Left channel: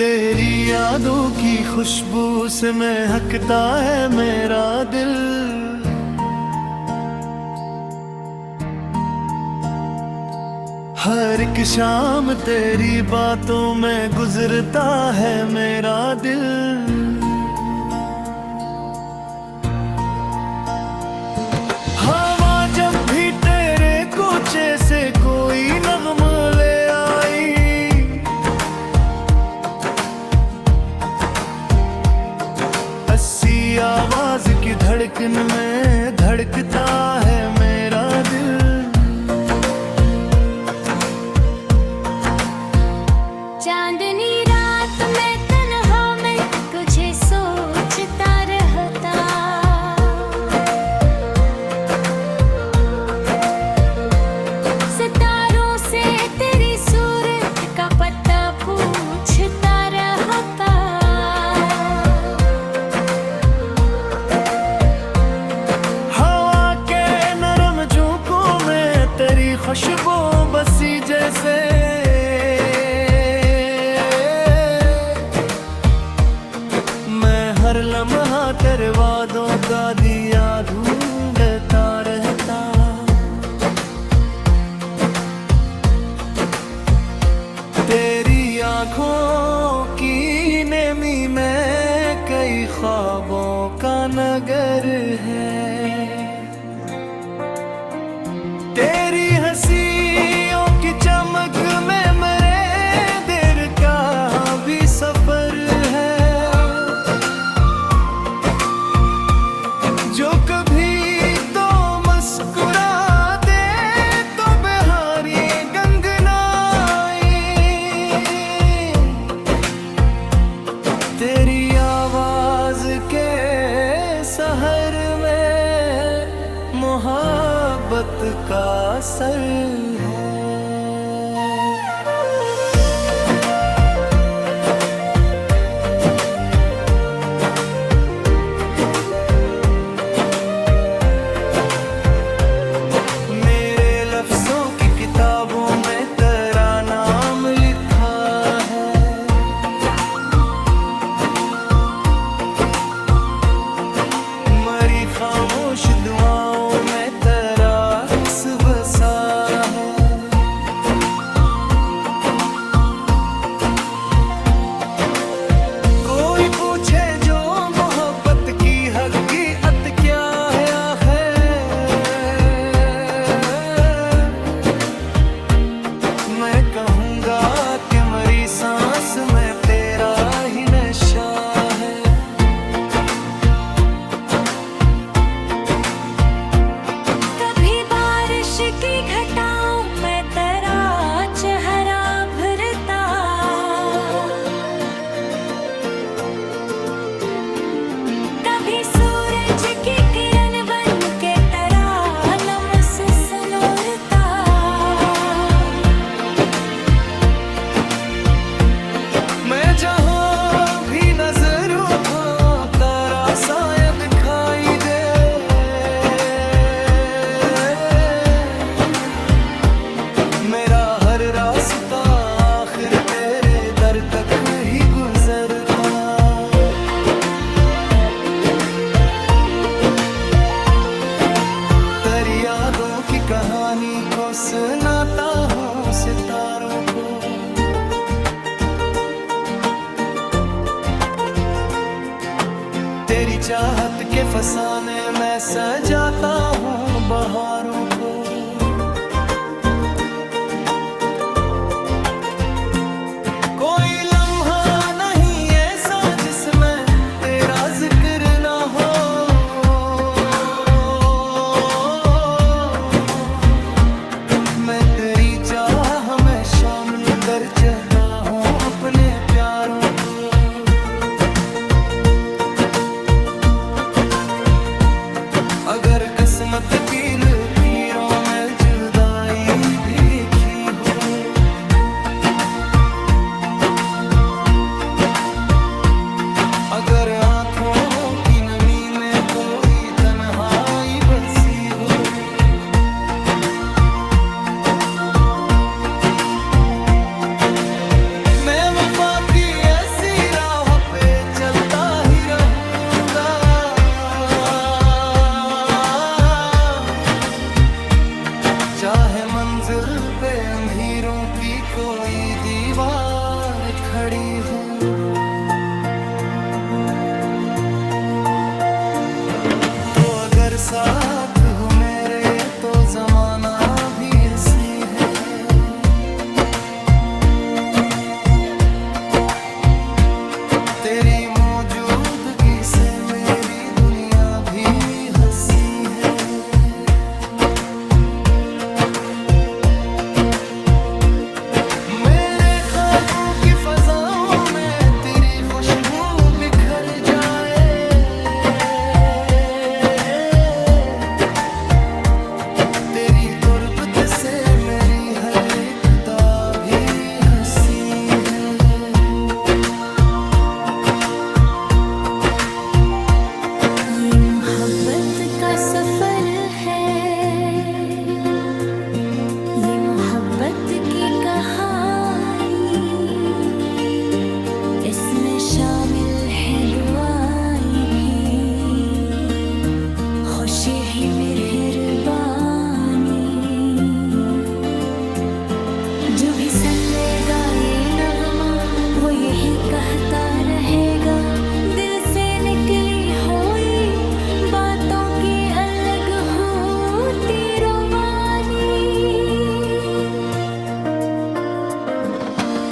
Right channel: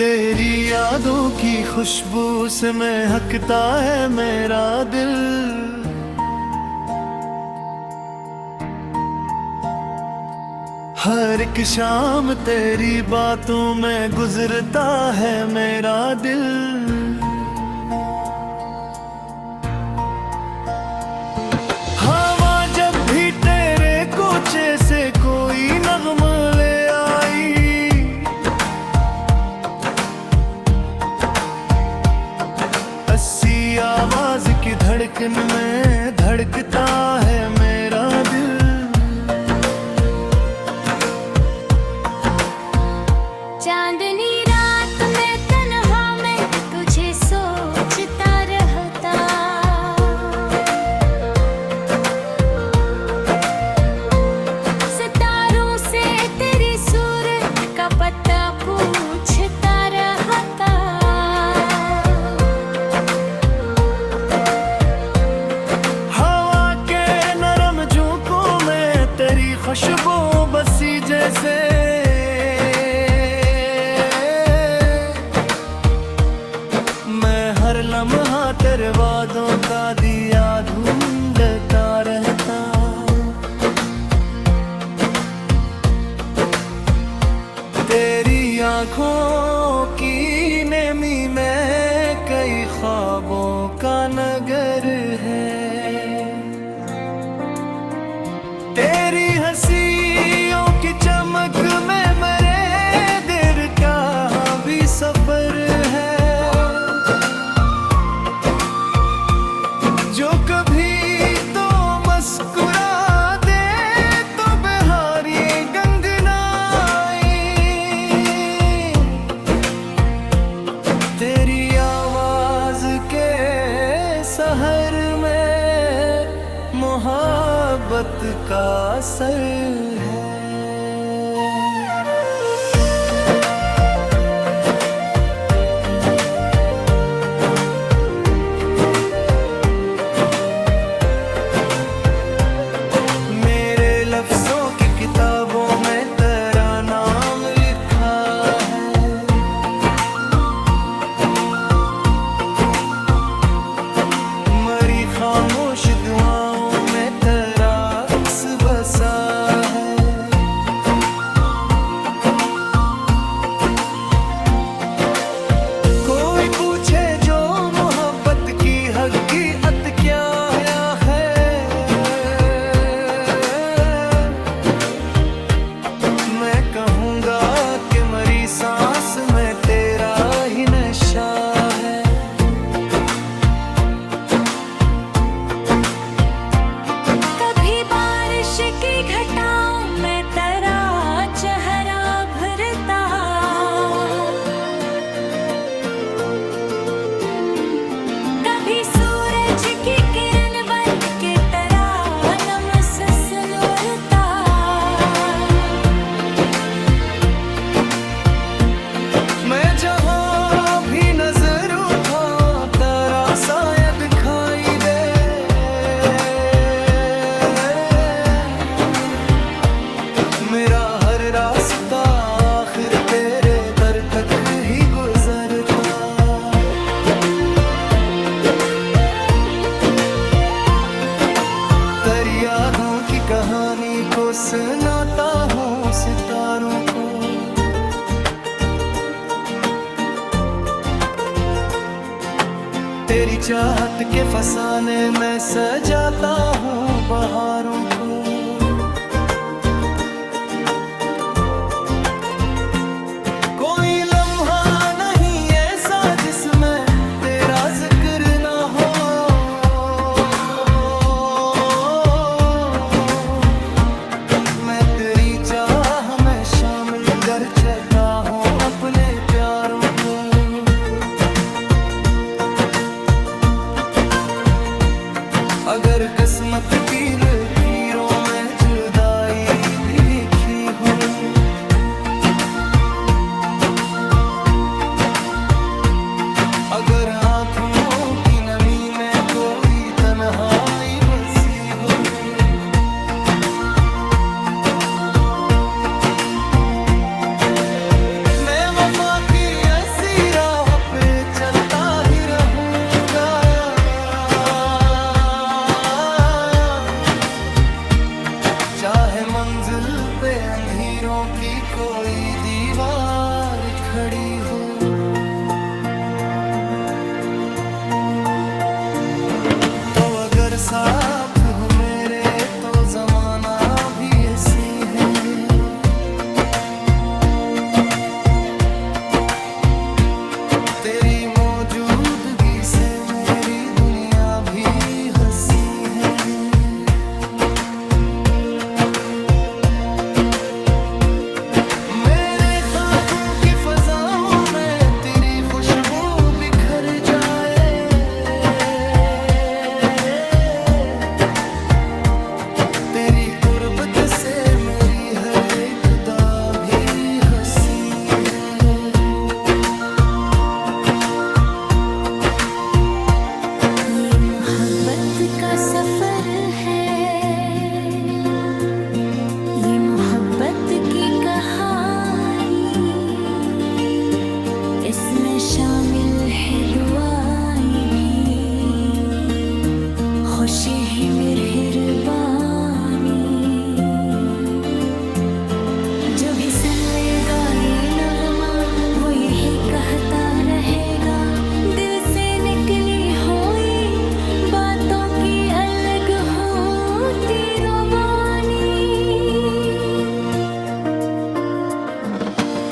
तेरी यादों की खुशबू से महकता है मेरा दिल। हर एक शाम तेरी बातों में गुजरता है मेरा दिल। हवा जब भी तेरे कोचे से कोई नगमा ले आई, अस्सी आवाज की धड़कन में धड़कता है मेरा दिल। चांदनी रात में तन्हा में तुझे सोचता रहता, सितारों से तेरी सूरत का पता पूछता रहता। हवा के नरम झोंकों में तेरी खुशबू बसी जैसे, हर लम्हा तेरे वादों का दिया ढूंढता रहता। तेरी आँखों की नेमी में कई ख्वाबों का नगर है। तेरी हंसियों की चमक में मेरे दिल का भी सफर है। जो कभी तो मुस्कुरा दे तो बहारी गंगनाई, तेरी आवाज के सहर में मोहब्बत का असर है। लफ्जों की किताबों में तेरा नाम लिखा है। मरी खामोश दुआओं में तेरा अक्स बसा है। कोई पूछे जो मोहब्बत की हकीकत क्या है, मैं कहूँगा कि मरी सांस में तेरा ही नशा है। कभी बारिश की घटाओं में तेरा चेहरा भरता, कभी सूरज की किरण बन के तेरा लमस सुनोरता। मैं जहाँ भी नजर उठाऊं तेरा साया दिखाई दे। मेरा हर रास्ता आखिर तेरे दर तक ही गुजरता। तेरी यादों की कहानी को सुनाता हूँ सितारों को। तेरी चाहत के फसाने में सजाता हूँ बहारों को। कोई लम्हा नहीं ऐसा जिसमें तेरा जिक्र ना हो। मैं तेरी चाह में शामिल कर चुका हूँ अपने प्यारों को। अगर किस्मत की लकीरों में जुदाई भी लिखी हो, अगर आँखों की नमी में कोई तन्हाई बसी हो, मैं वफा की चाहे मंजिल पे अंधेरों की कोई दीवार खड़ी हो। तो अगर साथ हो मेरे तो जमाना भी हंसी है। तेरी मौजूदगी से मेरी दुनिया भी हंसी है। मेरे ख्वाबों की फजाओं में तेरी खुशबू बिखर जाए। तेरी गुर्बत से मेरी हर एक दा भी हंसी है। ये मोहब्बत का सफर है, ये मोहब्बत की कहानी। इसमें शामिल है दुआएं भी, खुशी ही मेहरबानी। जो भी सुन लेगा ये नगमा वो यही कहता रहेगा, दिल से निकली हुई बातों की अलग होती रवानी।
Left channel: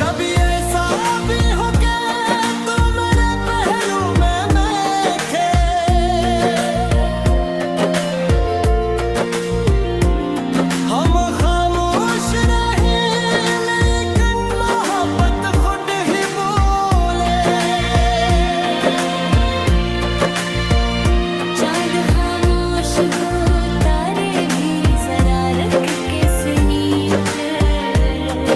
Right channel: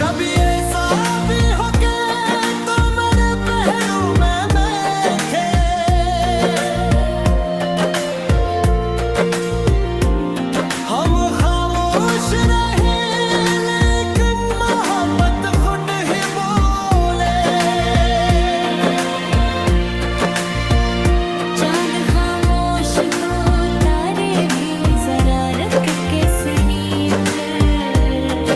कभी ऐसा भी हो के तो मेरे पहलू में देखे, हम खामोश रहे लेकिन मोहब्बत खुद ही बोले। चांद खामोश को तारे भी जरा रख के सुनी फिर,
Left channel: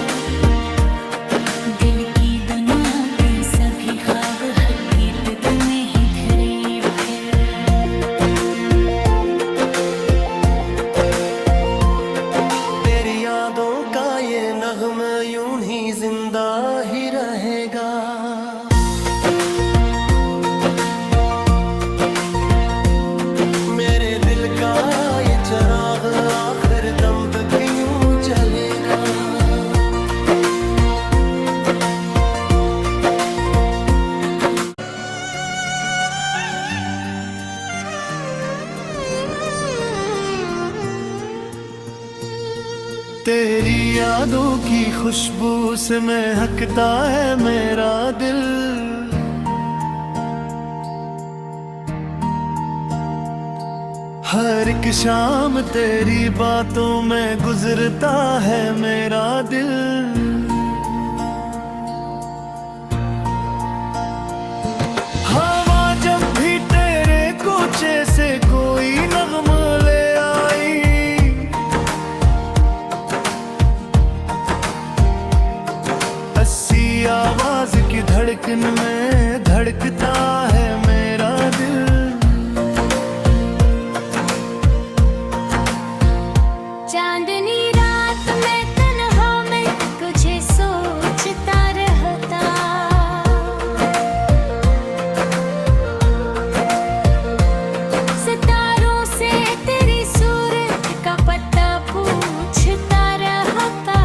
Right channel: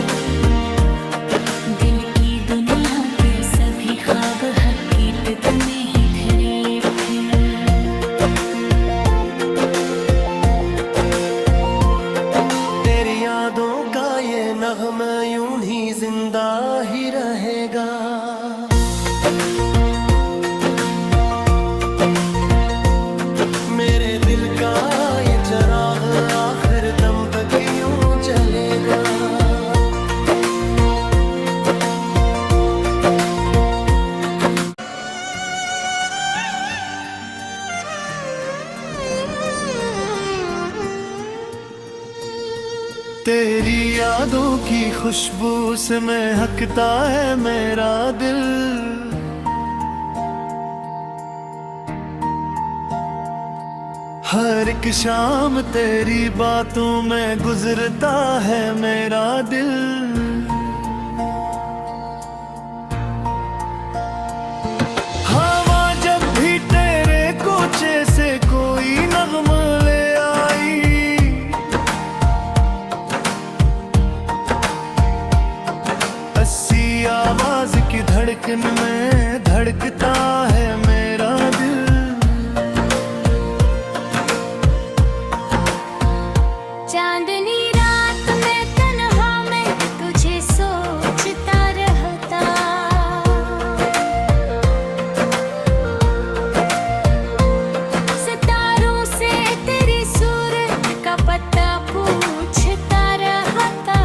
दिल की दुनिया के सभी ख्वाब हकीकत में ही धरे फिर। तेरी यादों का ये नगमा यूं ही जिंदा ही रहेगा। मेरे दिल का ये चिराग आखिर दम तक यूं जलेगा। तेरी यादों की खुशबू से महकता है मेरा दिल। हर एक शाम तेरी बातों में गुजरता है मेरा दिल। हवा जब भी तेरे कोचे से कोई नगमा ले आई, अस्सी आवाज की धड़कन में धड़कता है मेरा दिल। चांदनी रात में तन्हा में तुझे सोचता रहता, सितारों से तेरी सूरत का पता पूछता रहता।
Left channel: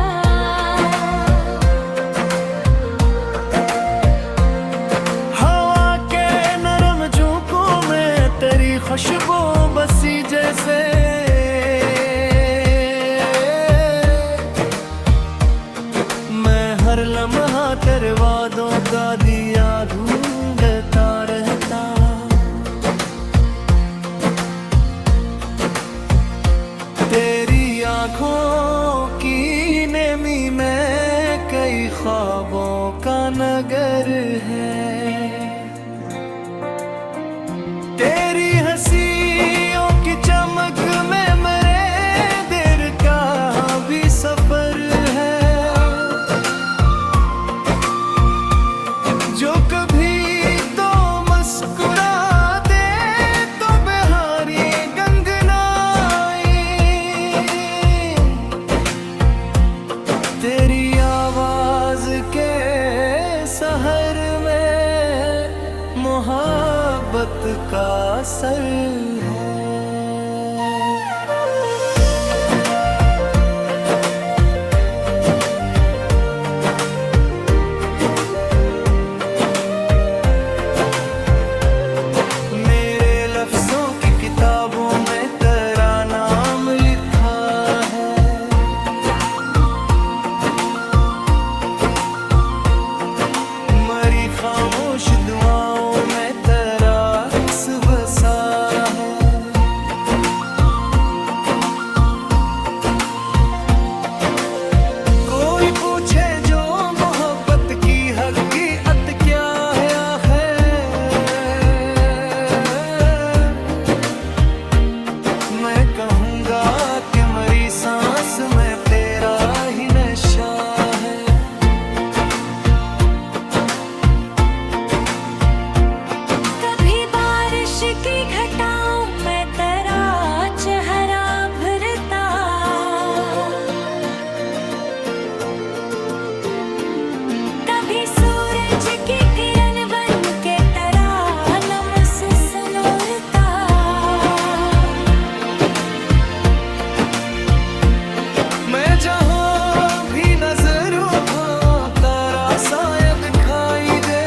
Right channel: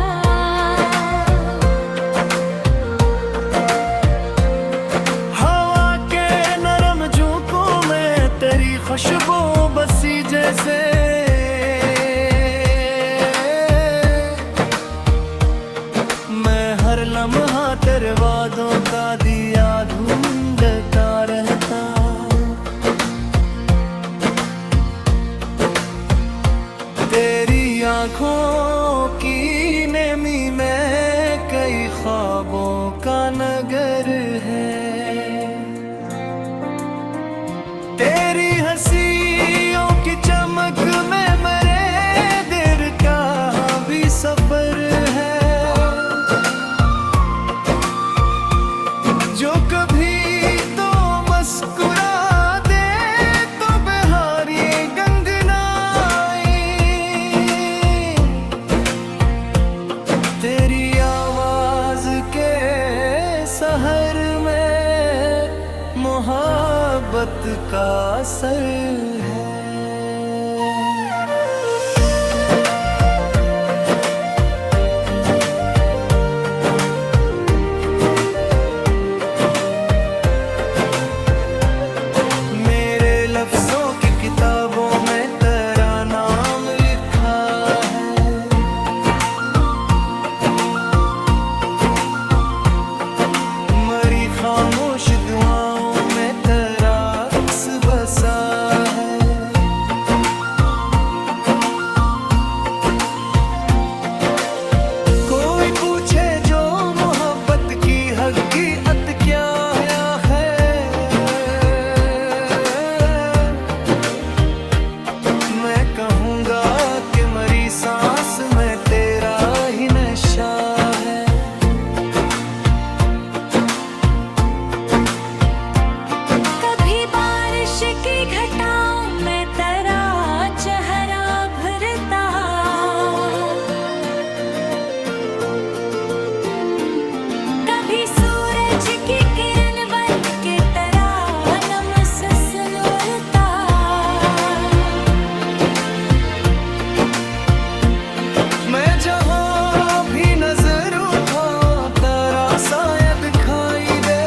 हवा के नरम झोंकों में तेरी खुशबू बसी जैसे, हर लम्हा तेरे वादों का दिया ढूंढता रहता। तेरी आँखों की नेमी में कई ख्वाबों का नगर है। तेरी हंसियों की चमक में मेरे दिल का भी सफर है। जो कभी तो मुस्कुरा दे तो बहारी गंगनाई। तेरी आवाज के शहर में मोहब्बत का असर है। कहूँगा कि मरी सांस में तेरा ही नशा है। कभी बारिश की घटाओं में तेरा चेहरा भरता, कभी सूरज की किरण बन के तेरा नमस सनोरता। मैं जहाँ भी नजर उठाऊं तेरा साया दिखाई दे।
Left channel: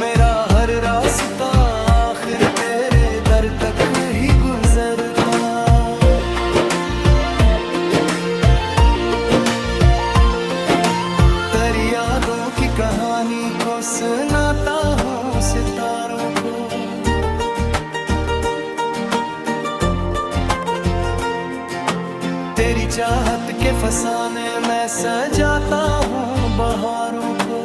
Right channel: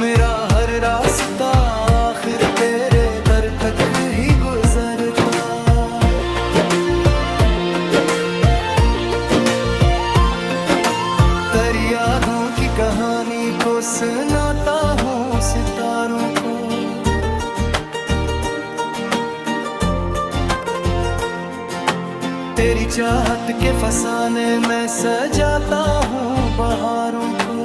मेरा हर रास्ता आखिर तेरे दर तक ही गुजरता। तेरी यादों की कहानी को सुनाता हूँ सितारों को। तेरी चाहत के फसाने में सजाता हूँ बहारों को।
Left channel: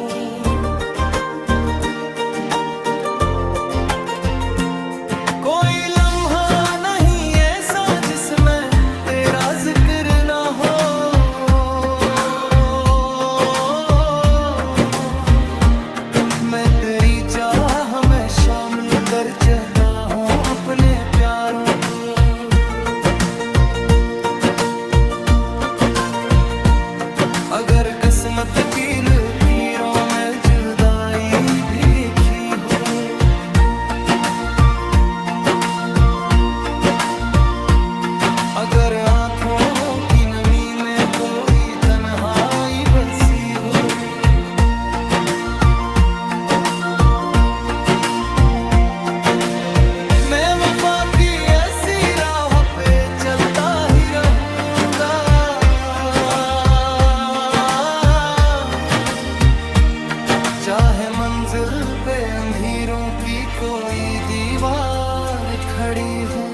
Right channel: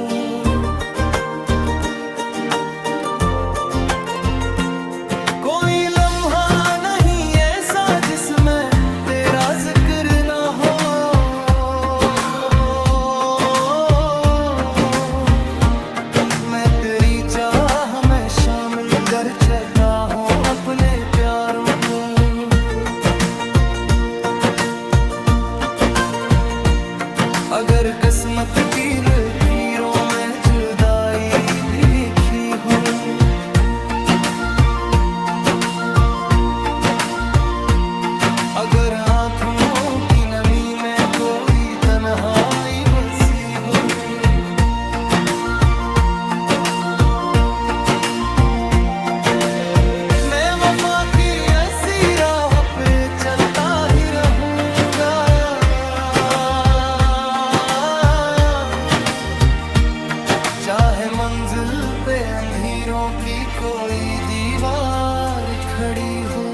कोई लम्हा नहीं ऐसा जिसमें तेरा जिक्र ना हो। मैं तेरी चाह में शामिल कर चुका हूँ अपने प्यारों को। अगर किस्मत की लकीरों में जुदाई भी लिखी हो, अगर आंखों की नमी में कोई तन्हाई बसी हो, मैं वफा की ऐसी राह पे चलता ही रहूंगा। चाहे मंजिल पे अंधेरों की कोई दीवार खड़ी हो।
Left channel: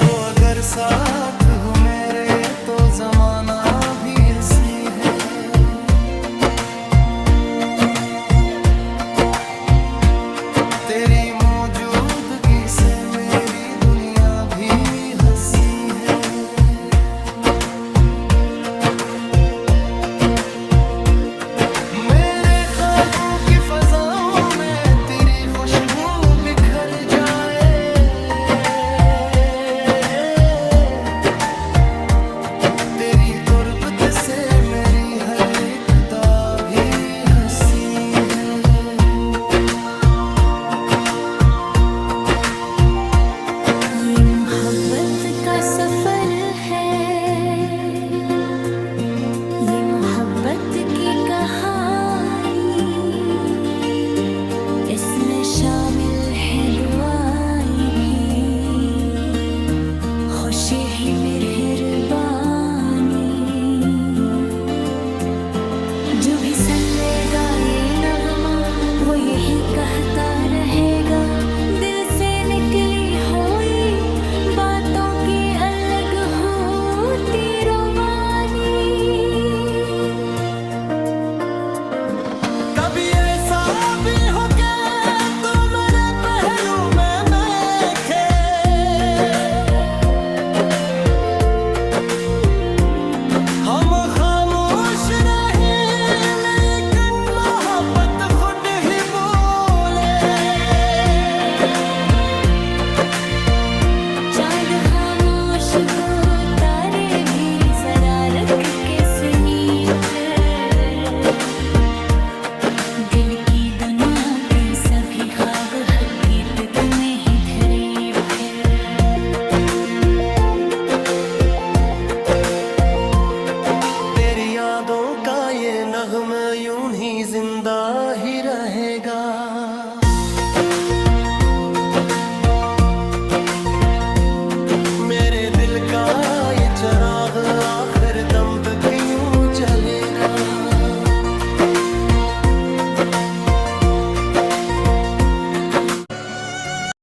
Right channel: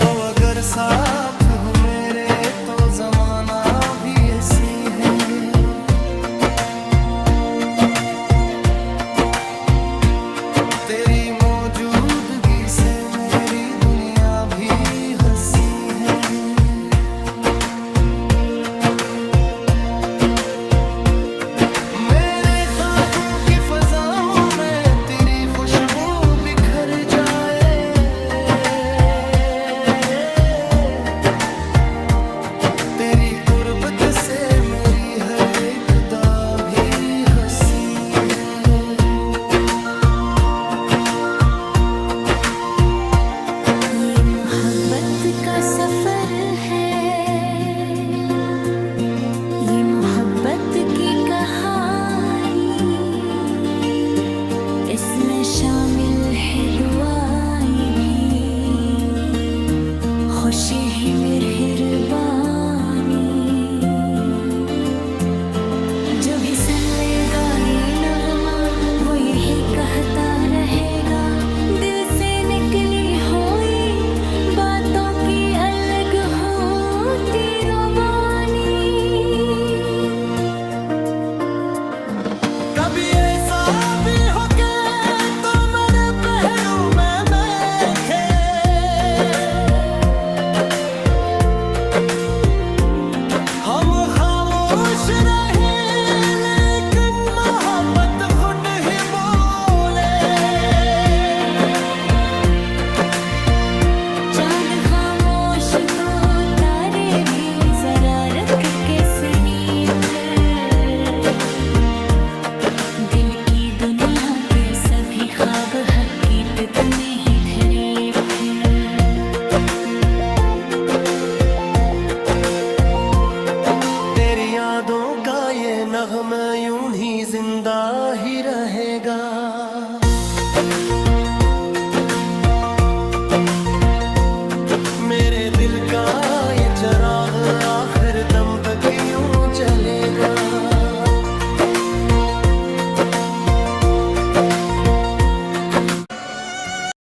तो अगर साथ हो मेरे तो जमाना भी हंसी है। तेरी मौजूदगी से मेरी दुनिया भी हंसी है। मेरे ख्वाबों की फजाओं में तेरी खुशबू बिखर जाए। तेरी गुर्बत से मेरी हर एक दा भी हंसी है। ये मोहब्बत का सफर है, ये मोहब्बत की कहानी, इसमें शामिल है दुआएं भी, खुशी ही मेहरबानी। जो भी सुन लेगा ये नगमा वो यही कहता रहेगा, दिल से निकली हुई बातों की अलग होती रवानी। कभी ऐसा भी हो के तो मेरे पहलू में देखे, हम खामोश रहे लेकिन मोहब्बत खुद ही बोले। चांद खामोश को तारे भी जरा रख के सुनिए फिर, दिल की दुनिया के सभी ख्वाब हकीकत में ही धरे फिर। तेरी यादों का ये नगमा यूं ही जिंदा ही रहेगा। मेरे दिल का ये चराग आखिर दम तक यूं जलेगा।